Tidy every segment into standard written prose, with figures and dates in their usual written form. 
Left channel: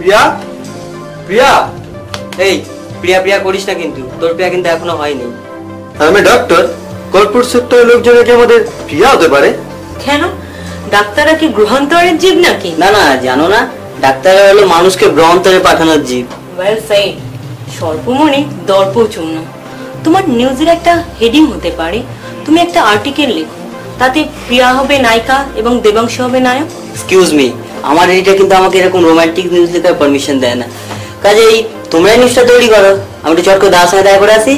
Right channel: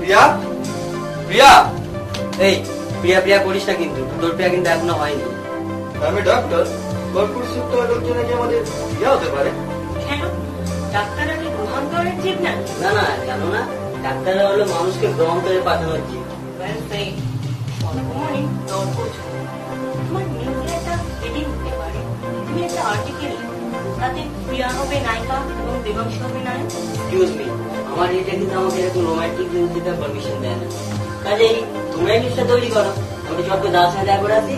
প্রিয়া প্রিয়া এই প্রিয়া প্রিয়া করিস না, কিন্তু তোর প্রিয়া কিন্তু এখনো হয়নি। আমি ডক্টর, কর্পোরেট সেক্টরের লোকজনের কি আমাদের প্রিয়া হতে পারে? কেন, ডাক্তাররা কি গ্রহান্তরের জীব নাকি? না না, জানো না, ডাক্তাররা হলো মানুষকে গ্রহান্তরে পাঠানোর জীব। Well said. স্বল্পমণি দর্পচূর্ণ। তোমার নিউজের একটা হেডিং হতে পারে, তুমি একটা আর্টিকেল লিখো, তাতে প্রিয়া হবে নায়িকা এবং দেবাংশ হবে নায়ক। এক্সকিউজ মি, আমার এডিটর কিন্তু আমাকে এরকম রোমান্টিক নিউজ লেখার পারমিশন দেয় না। কাজেই তোমরা নিউজটা তৈরি করো, আমি একটু চট করে দাদার সঙ্গে দেখা করে আসি।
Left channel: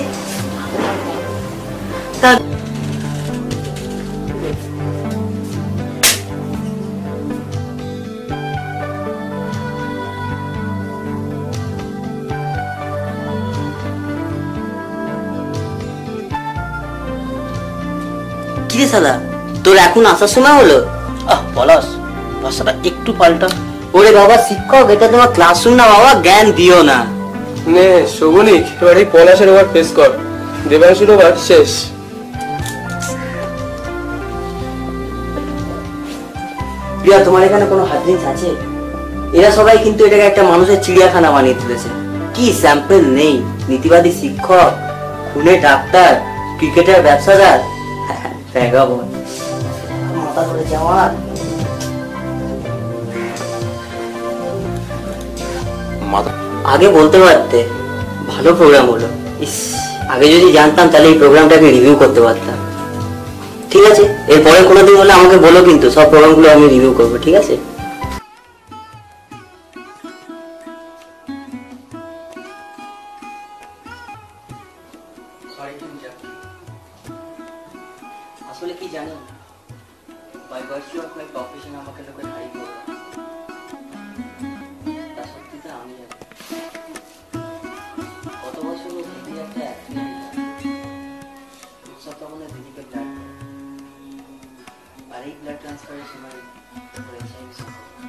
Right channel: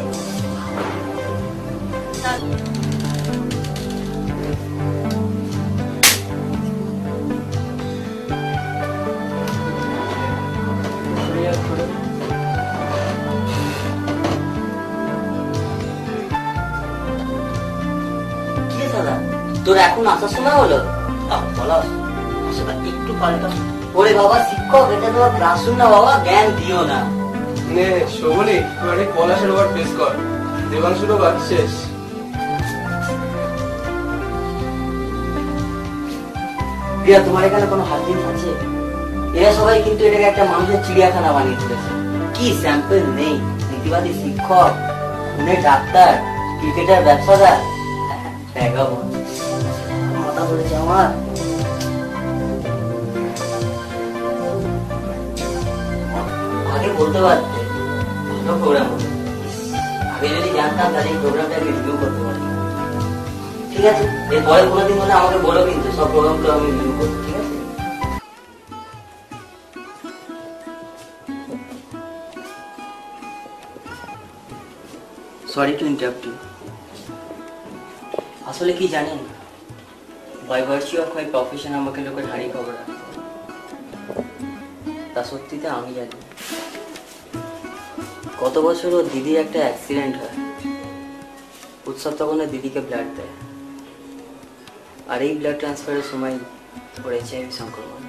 কি সাদা, তোর এখন আসার সময় হলো? বলাস ভাষাটা একটু পাল্টা। ওরে বাবা শিক্ষক, এটা তোমার ক্লাসরুম না বাবা, জ্ঞান দিও না। নে শোভনিক, এবার এই পলাশের ওভার পেশ কর, দেবাংশুর ওভার শেষ। প্রিয়া, তোমার এখানে কোনো হার্ডডিস্ক আছে? এরা সবাই কিন্তু এটাকে একটা মানুষের চিড়িয়াখানা বানিয়ে তুলেছে। কি স্যাম্পল নেই, নীতিবাদী শিক্ষক, খুনে ডাক্তার, ক্রিকেটের ব্যবসাদার, মাথা ধরেছে আমার। আগে বলতে পারতে, ভালো প্রোগ্রাম হলো। ইস, আগে যদি জানতাম তাহলে এই প্রোগ্রামটাকে রিভিউ করতে পারতাম। ঠিক আছে, এরপরে কোনোদিন হলে আমাকে বলো, কিন্তু সব প্রোগ্রামগুলো আমি রিভিউ করবো, ঠিক আছে? Sorry to interrupt you. আসলে কি জানেন, by virtue of my profession আমাকে লোকের হাড়ি খবর, তা সত্যিতে আমি জানি। গত বছর ও দিদির একটা অ্যাক্সিডেন্ট হয়, উৎসব তখন দিদিকে ব্লাড দেয়, আর এই ব্লাড ট্রান্সফারের সময় ওর HIV সংক্রমণ।